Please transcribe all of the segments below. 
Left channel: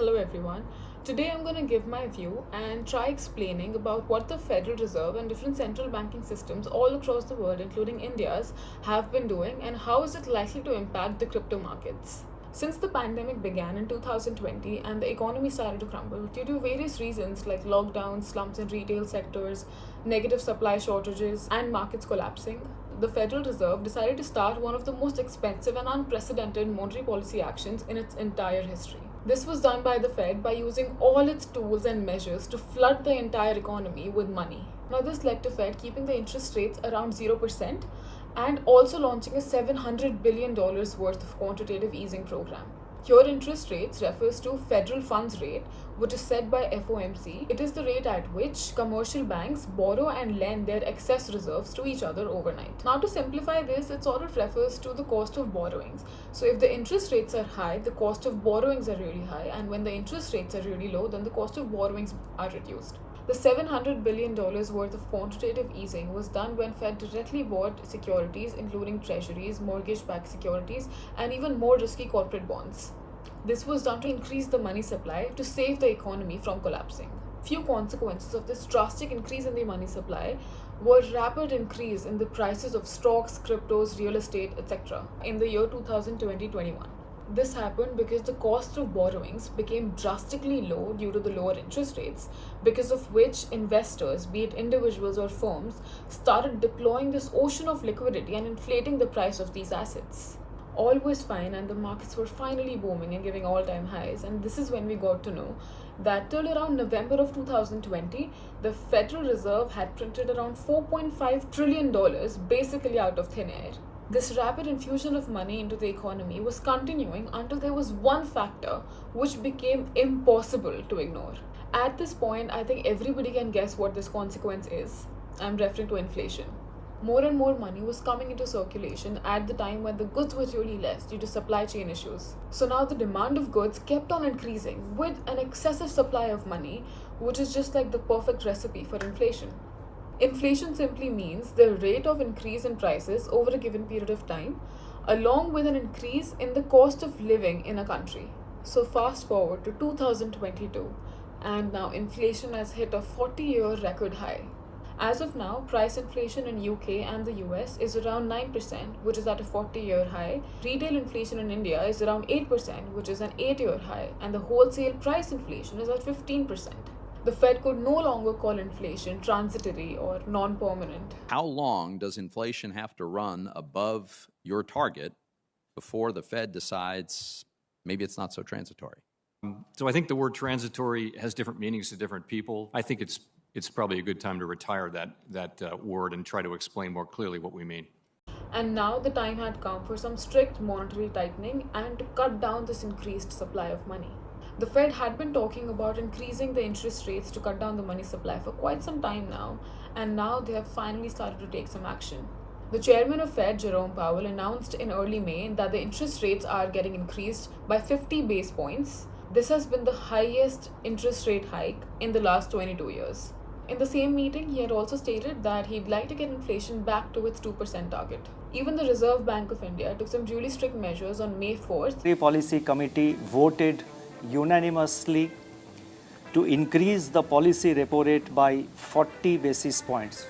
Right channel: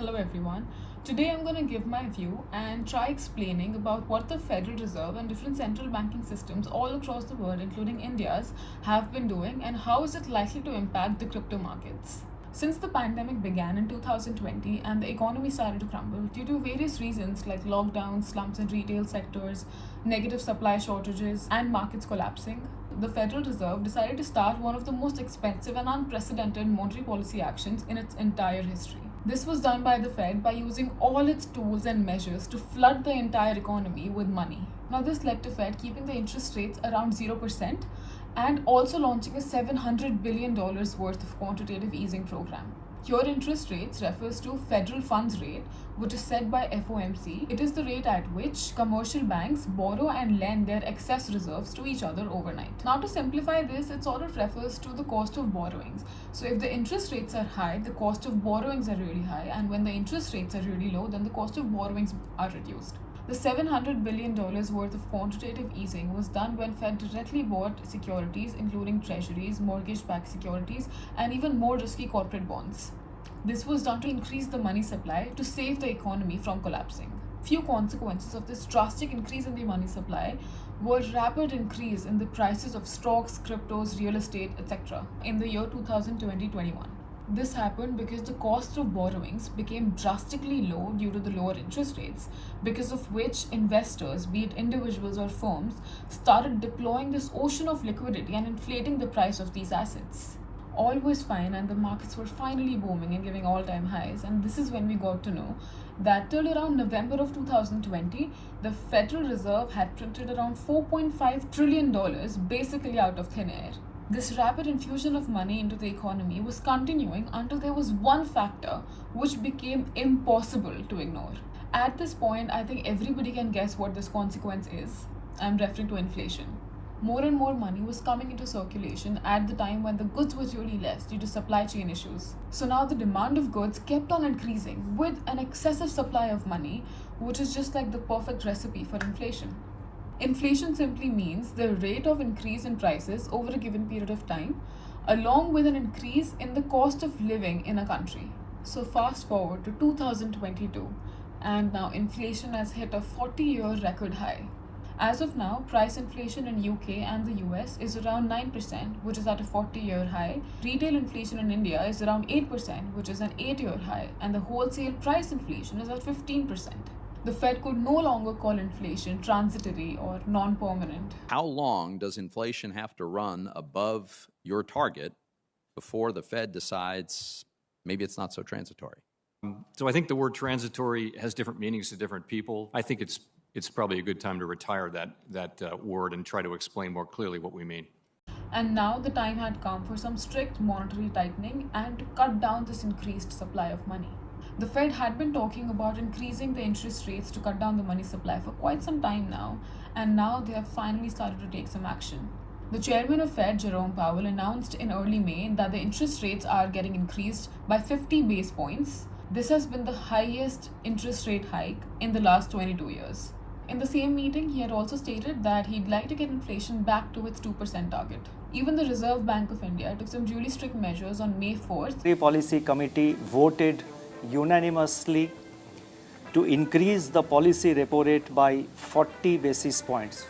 Hello everyone. Today I'm going to give my view and try explaining about what the Federal Reserve and different central banking systems all across the world, including India's, have been doing and how is it likely to impact the crypto markets. Since the pandemic began in 2020 and the economy started to crumble due to various reasons like lockdowns, slumps in retail sectors, negative supply shortages, and markets collapsing, the Federal Reserve decided to start one of the most expensive and unprecedented monetary policy actions in its entire history. This was done by the Fed by using all its tools and measures to flood the entire economy with money. Now, this led to Fed keeping the interest rates around 0% and also launching a $700 billion worth of quantitative easing program. Here, interest rates refers to federal funds rate, which is set by FOMC. It is the rate at which commercial banks borrow and lend their excess reserves to each other overnight. Now, to simplify this, it sort of refers to the cost of borrowings. So, if the interest rates are high, the cost of borrowings are really high, and when the interest rates are really low, then the cost of borrowings are reduced. The $700 billion worth of quantitative easing was done when Fed directly bought securities, including treasuries, mortgage-backed securities, and even more risky corporate bonds. This was done to increase the money supply to save the economy from collapsing. Few consequences of this drastic increase in the money supply were rapid increase in the prices of stocks, cryptos, real estate, etc. in the year 2020-21. This happened because the cost of borrowings became drastically low due to the lower interest rates, because of which investors, be it individuals or firms, started deploying this ocean of liquidity and inflating the price of these assets. All was fine and the markets were finally booming and giving all-time highs, and this is when we got to know that till around November of 2020, the Federal Reserve had printed around $4.5 trillion basically out of thin air. This rapid infusion of money into the economy was continuing until there was one factor which became impossible to ignore. At this point, I think everybody can guess what this consequence is. I'm referring to inflation. More and more money was coming into circulation at the time when the goods were really less due to supply chain issues. So now the demand of goods kept on increasing with an excessive supply of money, which is just like the perfect recipe for inflation. Inflation simply means the rate of increase in prices over a given period of time, along with an increase in the cost of living in a country. So fast forward to 2022, and now inflation has hit a 40-year record high. As of now, price inflation in UK and the US is around 9%, which is at a 40-year high. Retail inflation in India is around 8%, which is an 8-year high, and the wholesale price inflation is at 15%. The Fed could no longer call inflation transitory or non-permanent. How long does inflation have to run above your target before the Fed decides maybe it's not so transitory? So I think the word transitory has different meanings to different people. I think it's probably a good time to retire that word and try to explain more clearly what we mean. And now the time had come for some strict monetary tightening and to cut down this increased supply of money. The Fed had been talking about increasing the interest rates to cut down the money supply for quite some time now, and now they have finally started to take some action. The chairman of Fed, Jerome Powell, announced in early May that the interest rates are getting increased by 50 base points. This has been the highest interest rate hike in the last 22 years. In the same meeting, he had also stated that he'd like to get inflation back to its 2% target. Even the Reserve Bank of India took some really strict measures on May 4th. The Policy Committee voted unanimously to increase the policy repo rate by 40 basis points,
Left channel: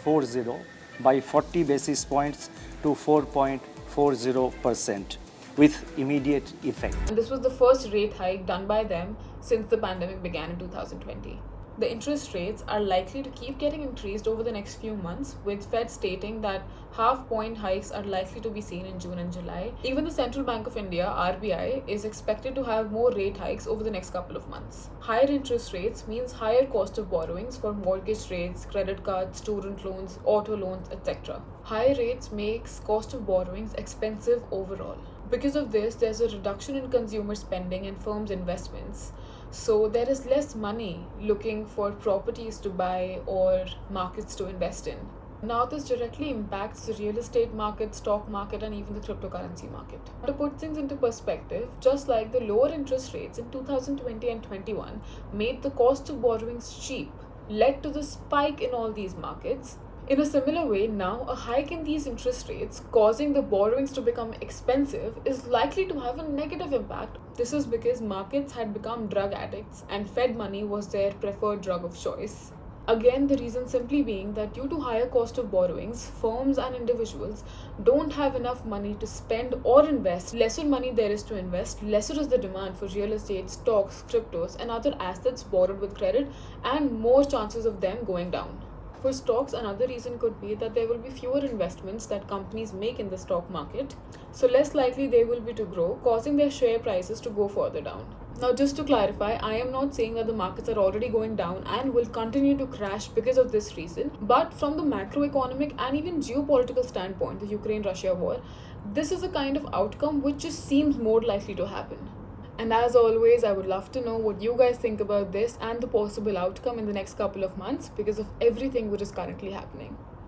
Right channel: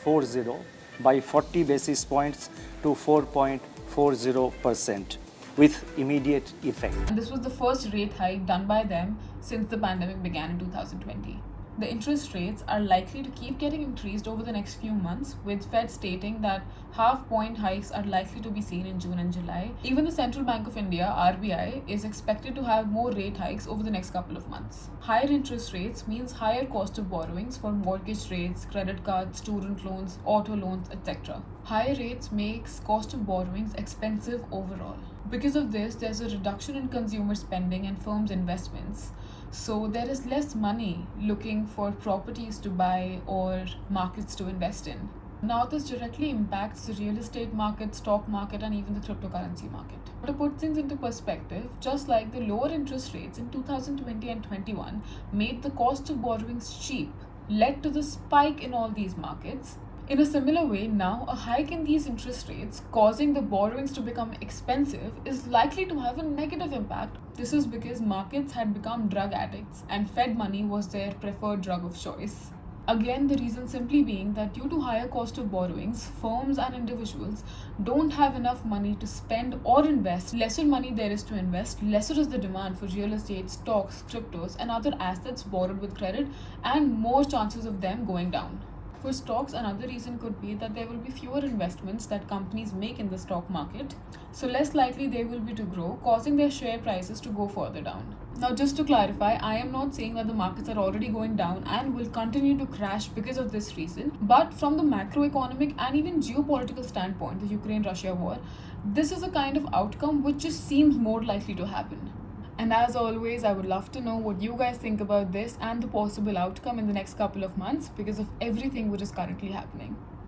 by 40 basis points to 4.40% with immediate effect. And this was the first rate hike done by them since the pandemic began in 2020. The interest rates are likely to keep getting increased over the next few months, with Fed stating that half-point hikes are likely to be seen in June and July. Even the Central Bank of India, RBI, is expected to have more rate hikes over the next couple of months. Higher interest rates means higher cost of borrowings for mortgage rates, credit cards, student loans, auto loans, etc. Higher rates makes cost of borrowings expensive overall. Because of this, there's a reduction in consumer spending and firms' investments. So there is less money looking for properties to buy or markets to invest in. Now this directly impacts the real estate market, stock market, and even the cryptocurrency market. To put things into perspective, just like the lower interest rates in 2020 and 21 made the cost of borrowings cheap, led to the spike in all these markets, in a similar way, now a hike in these interest rates causing the borrowings to become expensive is likely to have a negative impact. This is because markets had become drug addicts and Fed money was their preferred drug of choice. Again, the reason simply being that due to higher cost of borrowings, firms and individuals don't have enough money to spend or invest. Lesser money there is to invest, lesser is the demand for real estate, stocks, cryptos, and other assets borrowed with credit, and more chances of them going down. For stocks, another reason could be that there will be fewer investments that companies make in the stock market, so less likely they will be to grow, causing their share prices to go further down. Now, just to clarify, I am not saying that the markets are already going down and will continue to crash because of this reason, but from the macroeconomic and even geopolitical standpoint, the Ukraine-Russia war, this is a kind of outcome which just seems more likely to happen. And as always, I would love to know what you guys think about this and the possible outcome in the next couple of months because of everything which is currently happening.